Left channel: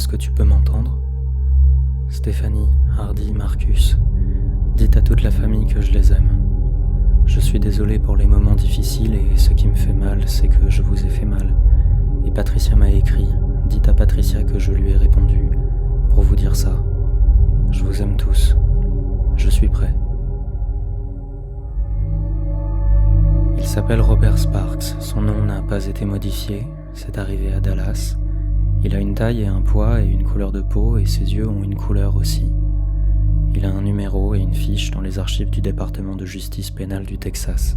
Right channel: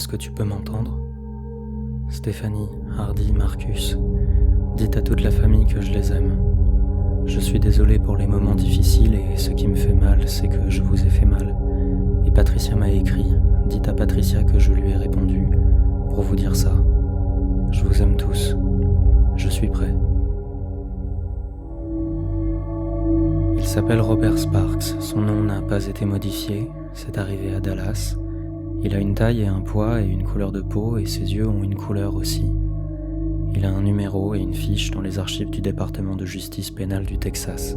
Est-ce que tu peux m'entendre? Stéphanie, Hardy, Marcus, dites à toute la famille que je les aime. Je suis désolé pour les moments difficiles et ce qui me fait mal, c'est que je vous ai fait mal. Et Patricia m'a écrit, dites à Patricia que je lui ai répondu pour vous dire ça. Je vous aime tous. Je suis prêt. Il s'appelle Robert Sparks, son nom n'a pas été modifié, c'est arrivé à Dallas. Il a une taille et un poids et une couleur de peau et ses yeux ont une couleur aussi. Il a un numéro et une fiche dans les archives du département de justice pénale du Texas.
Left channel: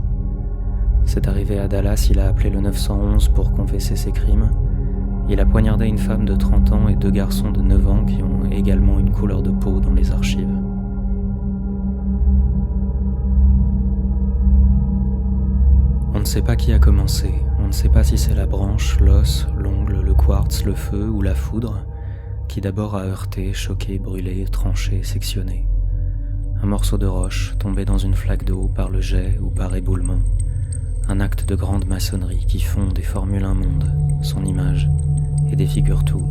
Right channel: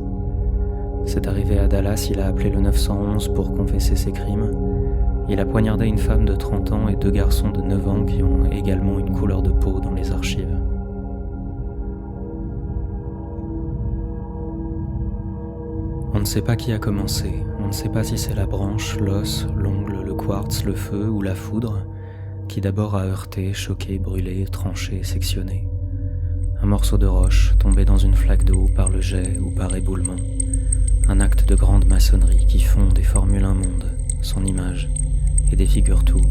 C'est arrivé à Dallas, il a appelé le 911 pour confesser ses crimes. Il a poignardé une femme de 30 ans et 2 garçons de 9 ans qui ont également une couleur de peau dans les archives. On ne sait pas qui a commencé, on ne sait pas si c'est la branche, l'os, l'ongle, le quartz, le feu ou la foudre qui d'abord a heurté, choqué, brûlé, tranché, sectionné. Un morceau de roche tombé dans une flaque d'eau par le jet ou par éboulement. Un acte de grande maçonnerie qui fond des formules immondes, son image, et défigure tout.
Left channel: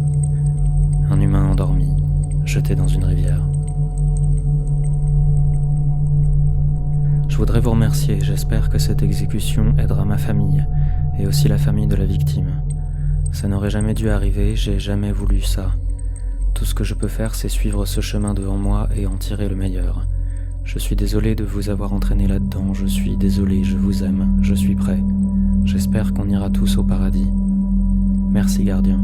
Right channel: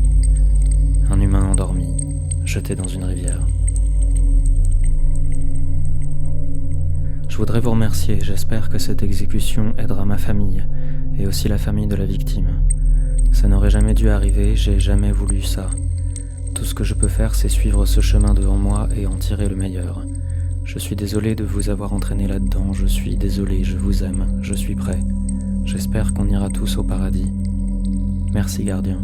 Un humain endormi, jeté dans une rivière. Je voudrais vous remercier, j'espère que cette exécution aidera ma famille, et aussi la famille de la victime. Ça n'aurait jamais dû arriver, j'ai jamais voulu ça. Tout ce que je peux faire, c'est suivre ce chemin devant moi et en tirer le meilleur. Je suis désolé de vous avoir entraîné là-dedans, je suis désolé, je vous aime, je suis prêt. J'espère qu'on ira tous au paradis. Merci, gardien.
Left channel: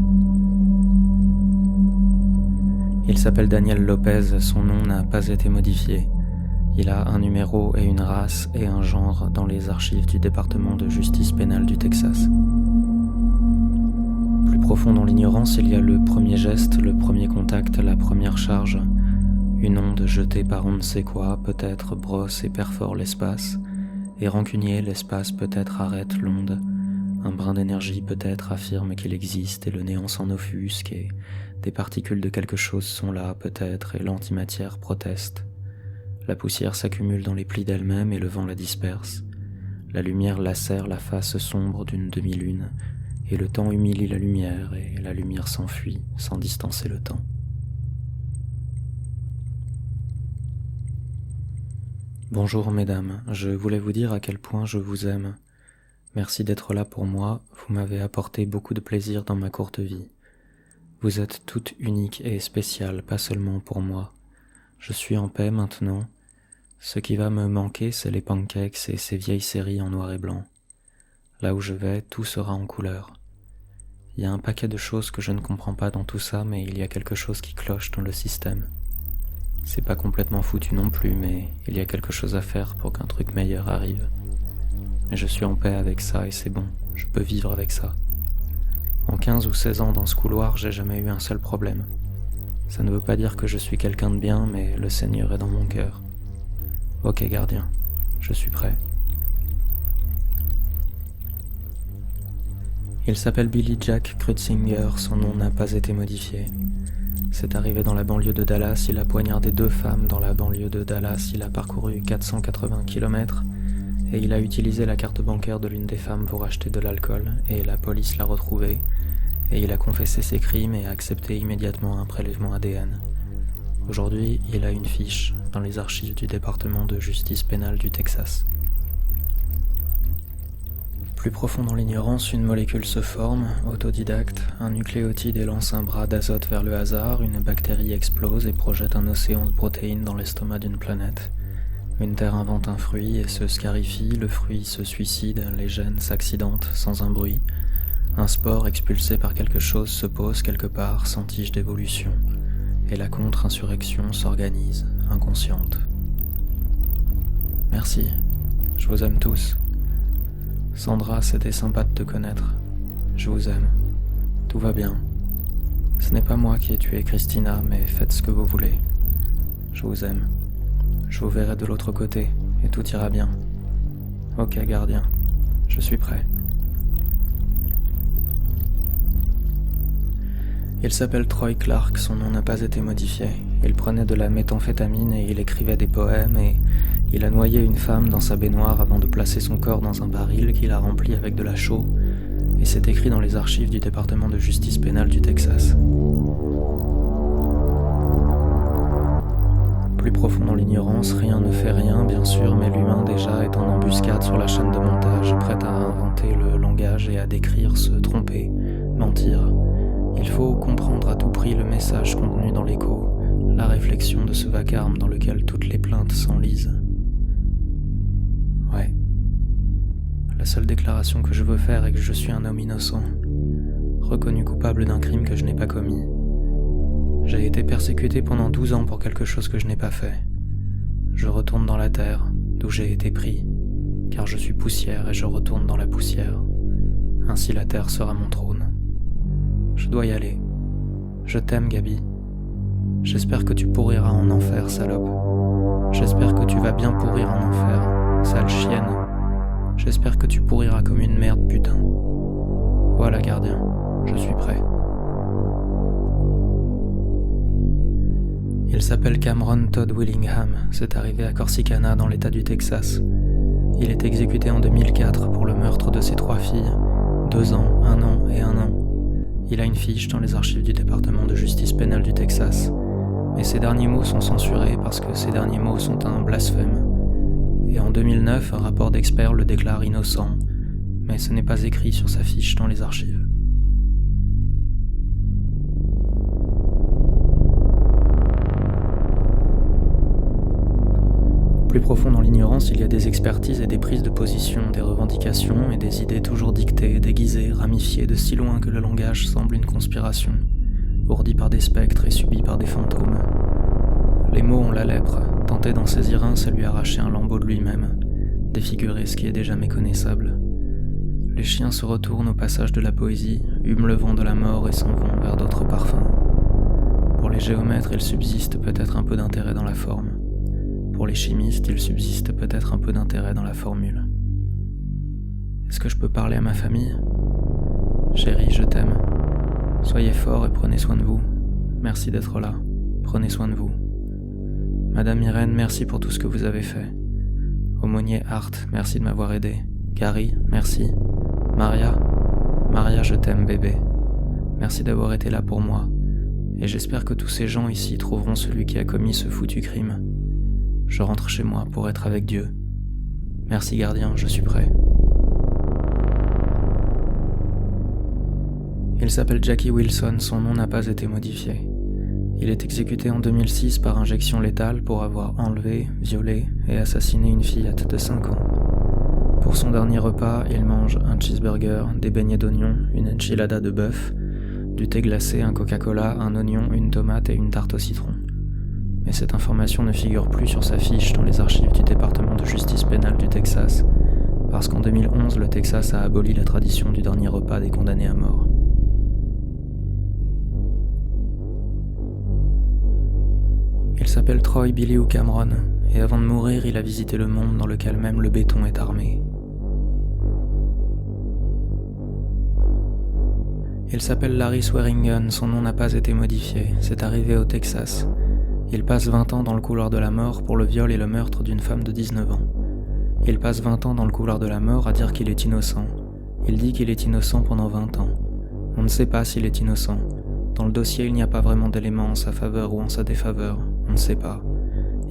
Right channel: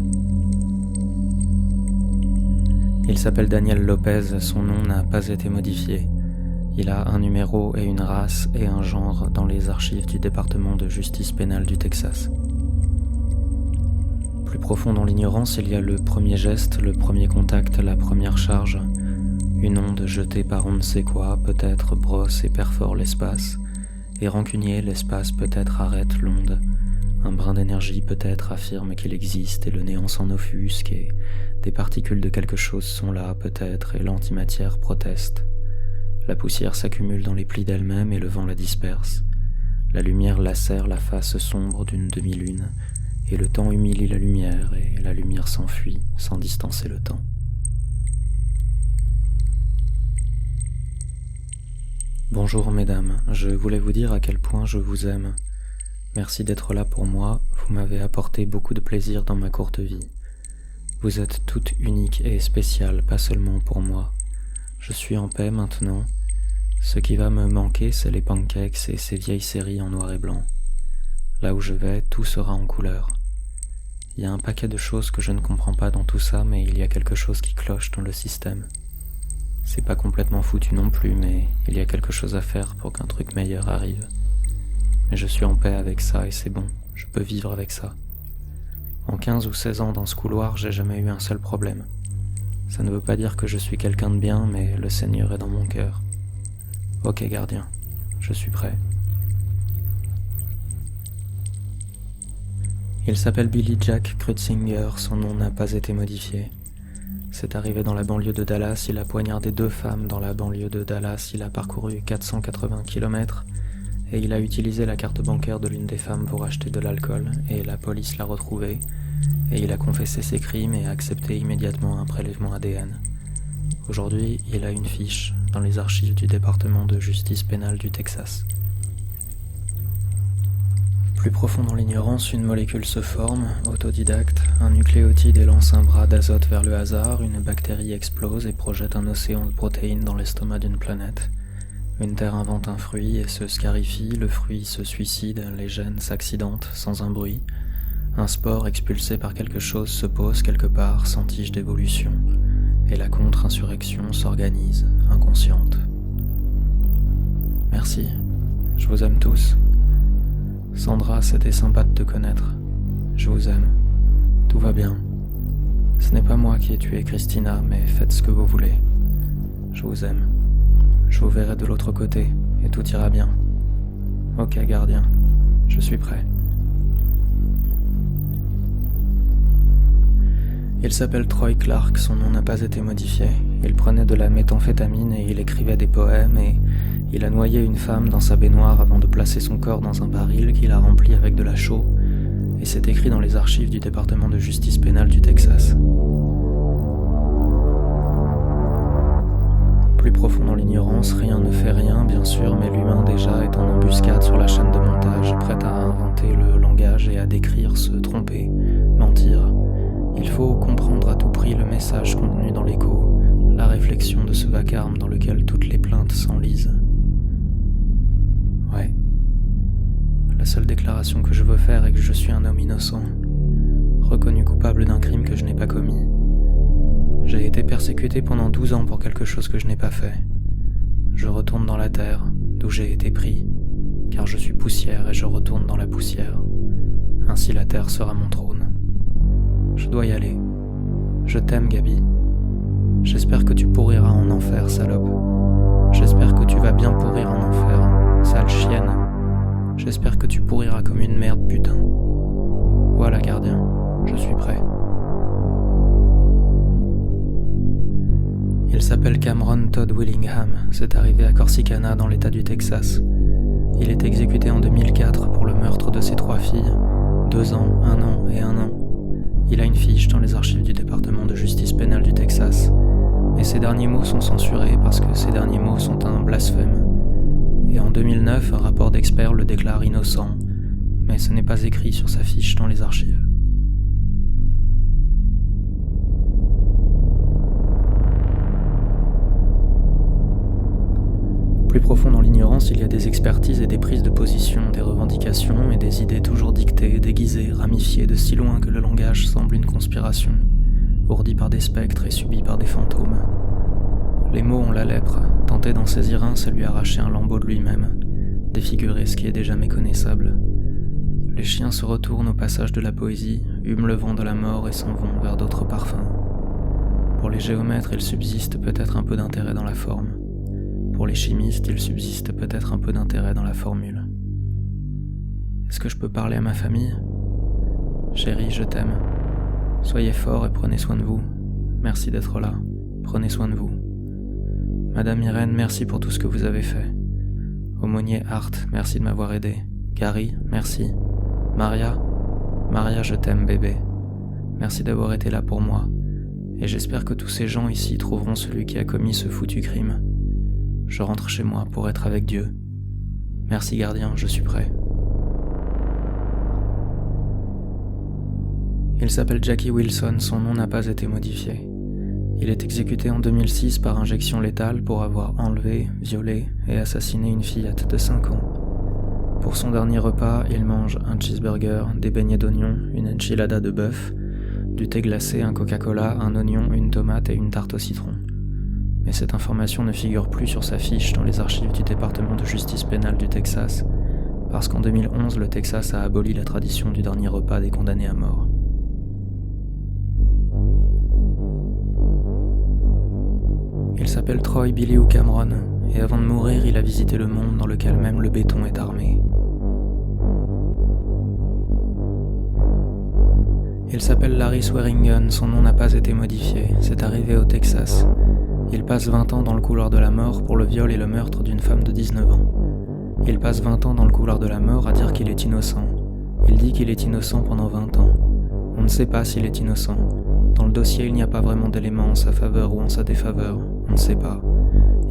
Il s'appelle Daniel Lopez, son nom n'a pas été modifié. Il a un numéro et une race et un genre dans les archives du département de justice pénale du Texas. Plus profond dans l'ignorance, il y a le premier geste, le premier contact, la première charge. Une onde jetée par on ne sait quoi, peut-être brosse et perfore l'espace. Et rancunier, l'espace peut-être arrête l'onde. Un brin d'énergie peut-être affirme qu'il existe et le néant s'en offusque et des particules de quelque chose sont là peut-être et l'antimatière proteste. La poussière s'accumule dans les plis d'elle-même et le vent la disperse. La lumière lacère la face sombre d'une demi-lune et le temps humilie la lumière et la lumière s'enfuit sans distancer le temps. Bonjour mesdames, je voulais vous dire à quel point je vous aime. Merci d'être là pour moi, vous m'avez apporté beaucoup de plaisir dans ma courte vie. Vous êtes toutes uniques et spéciales, pas seulement pour moi. Je suis en paix maintenant. Ce qui va me manquer, c'est les pancakes et ces vieilles séries en noir et blanc. Là où je vais, tout sera en couleur. Il y a un paquet de choses que je ne comprends pas dans tout ça, mais il y a quelque chose qui cloche dans le système. C'est pas complètement foutu non plus, mais il y a quelque chose à faire pour qu'un truc meilleur arrive. Mais je suis en paix avec ça et c'est bon, je peux vivre avec ça. En 15 ou 16 ans dans ce couloir, j'ai jamais eu un seul problème. Ça ne veut pas dire que je suis quelqu'un de bien, mais le Seigneur est dans mon cœur. Ok gardien, je suis prêt. Il s'appelle Billy Jack Krutzinger, son nom n'a pas été modifié. C'est arrivé dans la banlieue de Dallas, il a poignardé 2 femmes dans la banlieue de Dallas, il a parcouru 480 km et il a utilisé la carte bancaire de l'une des femmes pour acheter de l'alcool et la police l'a retrouvé et il a confessé ses crimes et a accepté immédiatement un prélèvement ADN. Aujourd'hui, il a une fiche dans les archives du département de justice pénale du Texas. Plus profond dans l'ignorance, une molécule se forme, autodidacte, un nucléotide élance un bras d'azote vers le hasard, une bactérie explose et projette un océan de protéines dans l'estomac d'une planète. Une terre invente un fruit et se scarifie, le fruit se suicide, les gènes s'accidentent sans un bruit. Un spore expulsé par quelque chose se pose quelque part sans tige d'évolution, et la contre-insurrection s'organise, inconsciente. Merci, je vous aime tous. Sandra, c'était sympa de te connaître. Je vous aime. Tout va bien. Ce n'est pas moi qui ai tué Christina, mais faites ce que vous voulez. Je vous aime. Je vous verrai de l'autre côté, et tout ira bien. Ok, gardien. Je suis prêt. Il s'appelle Troy Clark, son nom n'a pas été modifié. Il prenait de la méthamphétamine et il écrivait des poèmes et il a noyé une femme dans sa baignoire avant de placer son corps dans un baril qu'il a rempli avec de la chaux et c'est écrit dans les archives du département de justice pénale du Texas. Plus profond dans l'ignorance, rien ne fait rien, bien sûr, mais l'humain déjà est en embuscade sur la chaîne de montage, prêt à inventer le langage et à décrire, se tromper, mentir. Il faut comprendre à tout prix le message contenu dans l'écho, la réflexion de ce vacarme dans lequel toutes les plaintes s'enlisent. Ouais. La seule déclaration que je veux faire est que je suis un homme innocent, reconnu coupable d'un crime que je n'ai pas commis. J'ai été persécuté pendant 12 ans pour quelque chose que je n'ai pas fait. Je retourne dans la terre, d'où j'ai été pris, car je suis poussière et je retourne dans la poussière. Ainsi la terre sera mon trône. Je dois y aller. Je t'aime, Gabi. J'espère que tu pourriras en enfer, salope. J'espère que tu vas bien pourrir en enfer, sale chienne. J'espère que tu pourriras comme une merde, putain. Voilà, gardien, je suis prêt. Il s'appelle Cameron Todd Willingham, c'est arrivé à Corsicana dans l'état du Texas. Il est exécuté en 2004 pour le meurtre de ses 3 filles, 2 ans, 1 an et 1 an. Il a une fiche dans les archives du département de justice pénale du Texas, mais ses derniers mots sont censurés parce que ces derniers mots sont un blasphème. Et en 2009, un rapport d'experts le déclare innocent, mais ce n'est pas écrit sur sa fiche dans les archives. Plus profond dans l'ignorance, il y a des expertises et des prises de position, des revendications et des idées toujours dictées, déguisées, ramifiées de si loin que le langage semble une conspiration, ourdi par des spectres et subi par des fantômes. Les mots ont la lèpre, tenter d'en saisir un, c'est lui arracher un lambeau de lui-même, défigurer ce qui est déjà méconnaissable. Les chiens se retournent au passage de la poésie, hument le vent de la mort et s'en vont vers d'autres parfums. Pour les géomètres, il subsiste peut-être un peu d'intérêt dans la forme. Pour les chimistes, il subsiste peut-être un peu d'intérêt dans la formule. Est-ce que je peux parler à ma famille ? Chérie, je t'aime. Soyez forts et prenez soin de vous. Merci d'être là. Prenez soin de vous. Madame Irène, merci pour tout ce que vous avez fait. Aumônier Hart, merci de m'avoir aidé. Gary, merci. Maria, je t'aime, bébé. Merci d'avoir été là pour moi. Et j'espère que tous ces gens ici trouveront celui qui a commis ce foutu crime. Je rentre chez moi pour être avec Dieu. Merci gardien, je suis prêt. Il s'appelle Jackie Wilson, son nom n'a pas été modifié. Il est exécuté en 2006 par injection létale pour avoir enlevé, violé et assassiné une fillette de 5 ans. Pour son dernier repas, il mange un cheeseburger, des beignets d'oignons, une enchilada de bœuf, du thé glacé, un Coca-Cola, un oignon, une tomate et une tarte au citron. Mais cette information ne figure plus sur sa fiche dans les archives du département de justice pénale du Texas, parce qu'en 2011, le Texas a aboli la tradition du dernier repas des condamnés à mort. Il s'appelle Troy Billy ou Cameron, et avant de mourir, il a visité le monde dans lequel même le béton est armé. Il s'appelle Larry Swearingen, son nom n'a pas été modifié, c'est arrivé au Texas. Il passe 20 ans dans le couloir de la mort pour le viol et le meurtre d'une femme de 19 ans. Il passe 20 ans dans le couloir de la mort à dire qu'il est innocent. Il dit qu'il est innocent pendant 20 ans. On ne sait pas s'il est innocent. Dans le dossier, il n'y a pas vraiment d'éléments en sa faveur ou en sa défaveur. On ne sait pas.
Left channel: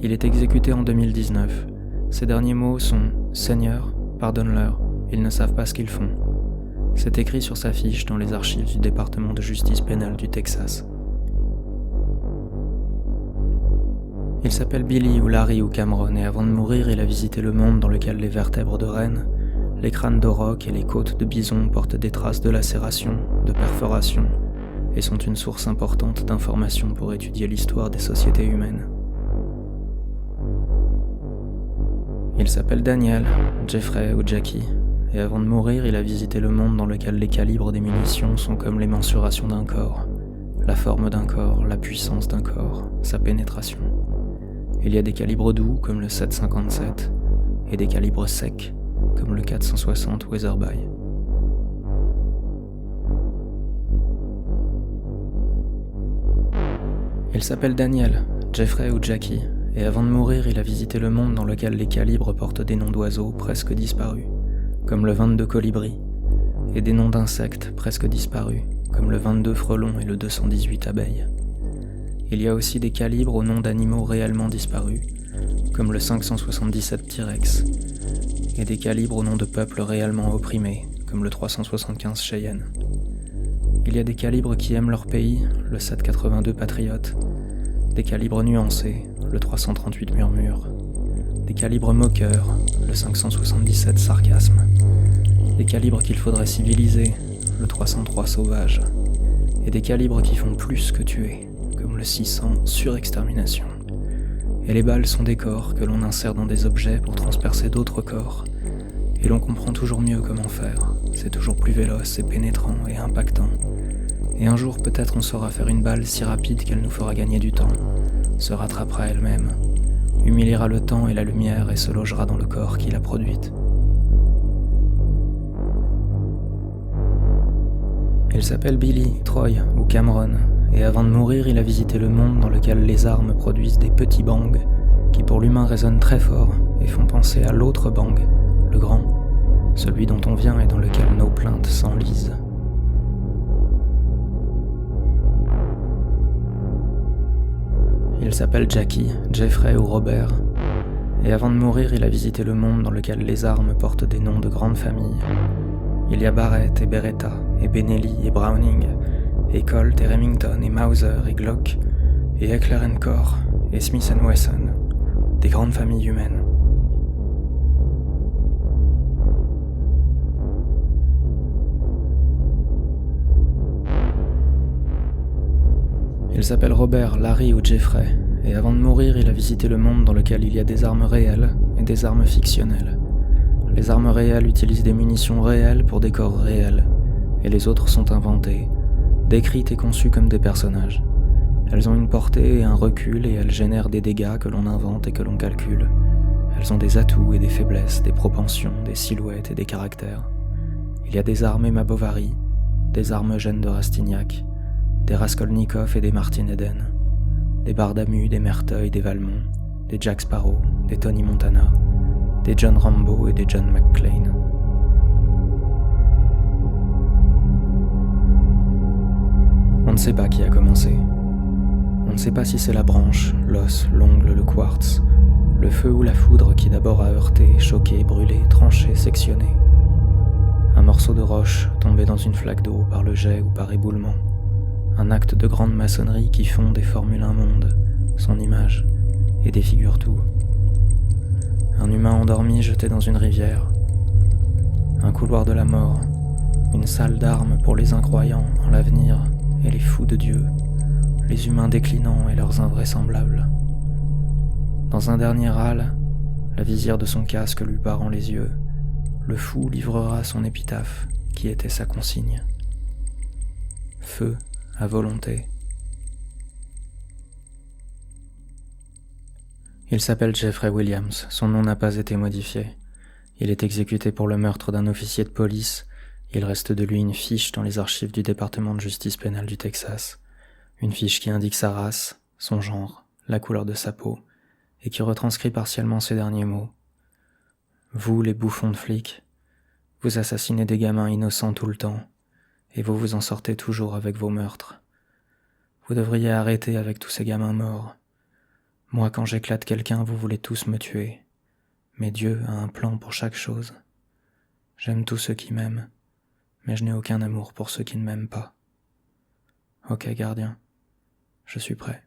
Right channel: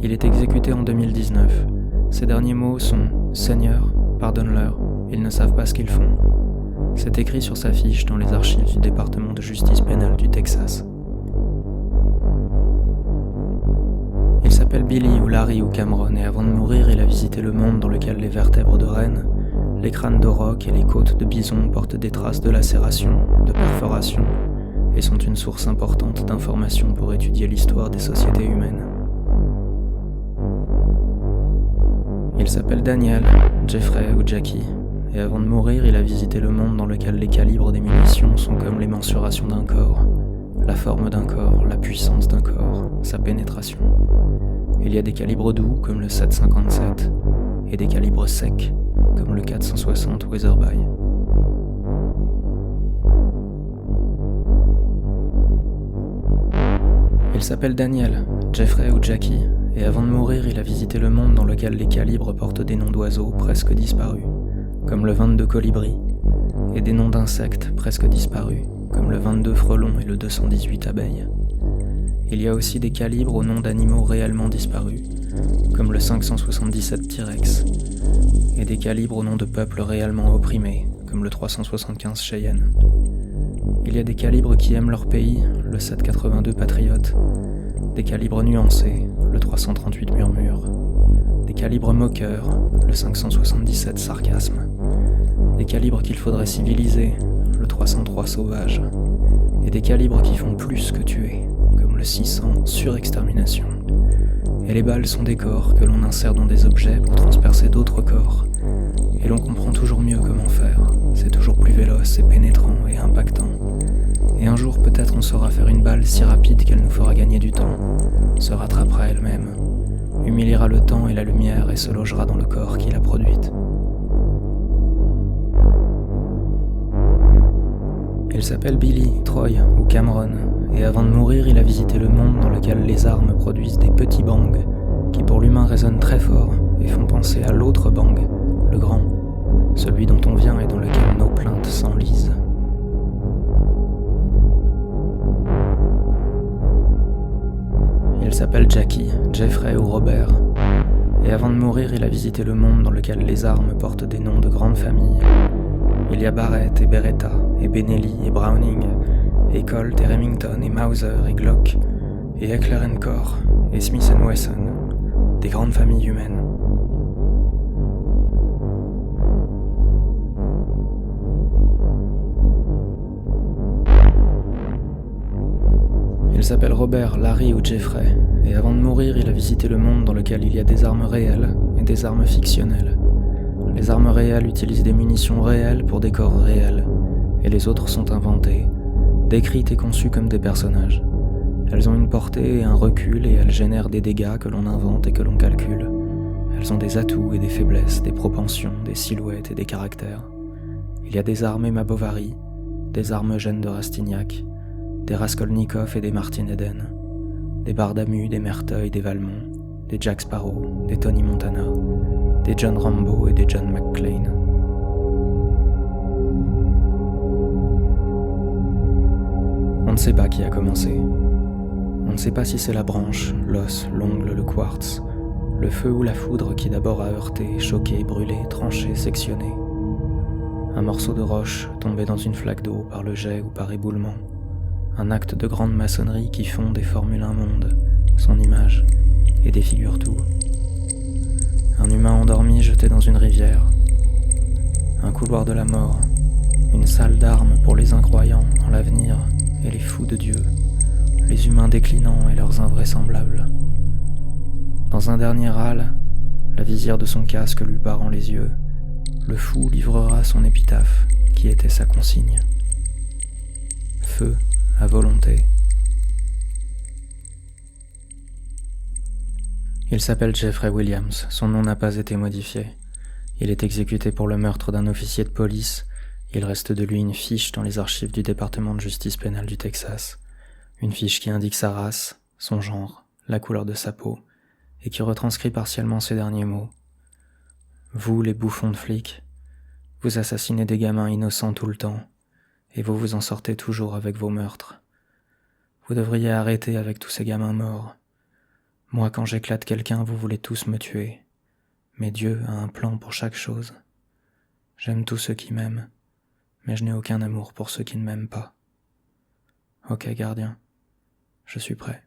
Il est exécuté en 2019. Ses derniers mots sont « Seigneur, pardonne-leur, ils ne savent pas ce qu'ils font ». C'est écrit sur sa fiche dans les archives du département de justice pénale du Texas. Il s'appelle Billy ou Larry ou Cameron et avant de mourir, il a visité le monde dans lequel les vertèbres de rennes, les crânes d'aurochs et les côtes de bison portent des traces de lacération, de perforation et sont une source importante d'informations pour étudier l'histoire des sociétés humaines. Il s'appelle Daniel, Jeffrey ou Jackie, et avant de mourir, il a visité le monde dans lequel les calibres des munitions sont comme les mensurations d'un corps, la forme d'un corps, la puissance d'un corps, sa pénétration. Il y a des calibres doux comme le 7,57 et des calibres secs comme le 460 Weatherby. Il s'appelle Daniel, Jeffrey ou Jackie, et avant de mourir, il a visité le monde dans lequel les calibres portent des noms d'oiseaux presque disparus, comme le 22 colibri, et des noms d'insectes presque disparus, comme le 22 frelon et le 218 abeilles. il y a aussi des calibres au nom d'animaux réellement disparus, comme le 577 T-Rex, et des calibres au nom de peuples réellement opprimés, comme le 375 Cheyenne. Il y a des calibres qui aiment leur pays, le 782 Patriote, des calibres nuancés, le 338 Murmure, des calibres moqueurs, le 577 Sarcasme, des calibres qu'il faudrait civiliser, le 303 Sauvage, et des calibres qui font plus que tuer, comme le 600 Surextermination. Et les balles sont des corps que l'on insère dans des objets pour transpercer d'autres corps, et l'on comprend toujours mieux comment faire, c'est toujours plus véloce et pénétrant et impactant. Et un jour peut-être on saura faire une balle si rapide qu'elle nous fera gagner du temps, se rattrapera elle-même, humiliera le temps et la lumière et se logera dans le corps qui l'a produite. Il s'appelle Billy, Troy ou Cameron, et avant de mourir il a visité le monde dans lequel les armes produisent des petits bangs qui pour l'humain résonnent très fort et font penser à l'autre bang, le grand, celui dont on vient et dans lequel nos plaintes s'enlisent. Il s'appelle Jackie, Jeffrey ou Robert, et avant de mourir il a visité le monde dans lequel les armes portent des noms de grandes familles. Il y a Barrett et Beretta, et Benelli et Browning, et Colt et Remington et Mauser et Glock, et Heckler & Koch, et Smith & Wesson, des grandes familles humaines. Il s'appelle Robert, Larry ou Jeffrey, et avant de mourir, il a visité le monde dans lequel il y a des armes réelles et des armes fictionnelles. Les armes réelles utilisent des munitions réelles pour des corps réels, et les autres sont inventées, décrites et conçues comme des personnages. Elles ont une portée et un recul et elles génèrent des dégâts que l'on invente et que l'on calcule. Elles ont des atouts et des faiblesses, des propensions, des silhouettes et des caractères. Il y a des armes Emma Bovary, des armes Eugène de Rastignac, des Raskolnikov et des Martin Eden, des Bardamu, des Merteuil, des Valmont, des Jack Sparrow, des Tony Montana, des John Rambo et des John McClane. On ne sait pas qui a commencé. On ne sait pas si c'est la branche, l'os, l'ongle, le quartz, le feu ou la foudre qui d'abord a heurté, choqué, brûlé, tranché, sectionné. Un morceau de roche tombé dans une flaque d'eau par le jet ou par éboulement. Un acte de grande maçonnerie qui fonde et formule un monde, son image, et défigure tout. Un humain endormi jeté dans une rivière. Un couloir de la mort, une salle d'armes pour les incroyants en l'avenir et les fous de Dieu, les humains déclinants et leurs invraisemblables. Dans un dernier râle, la visière de son casque lui barrant les yeux, le fou livrera son épitaphe, qui était sa consigne. Feu à volonté. Il s'appelle Jeffrey Williams, son nom n'a pas été modifié. Il est exécuté pour le meurtre d'un officier de police. Il reste de lui une fiche dans les archives du département de justice pénale du Texas. Une fiche qui indique sa race, son genre, la couleur de sa peau, et qui retranscrit partiellement ces derniers mots. Vous, les bouffons de flics, vous assassinez des gamins innocents tout le temps, et vous vous en sortez toujours avec vos meurtres. Vous devriez arrêter avec tous ces gamins morts. Moi, quand j'éclate quelqu'un, vous voulez tous me tuer. Mais Dieu a un plan pour chaque chose. J'aime tous ceux qui m'aiment, mais je n'ai aucun amour pour ceux qui ne m'aiment pas. Ok, gardien, je suis prêt.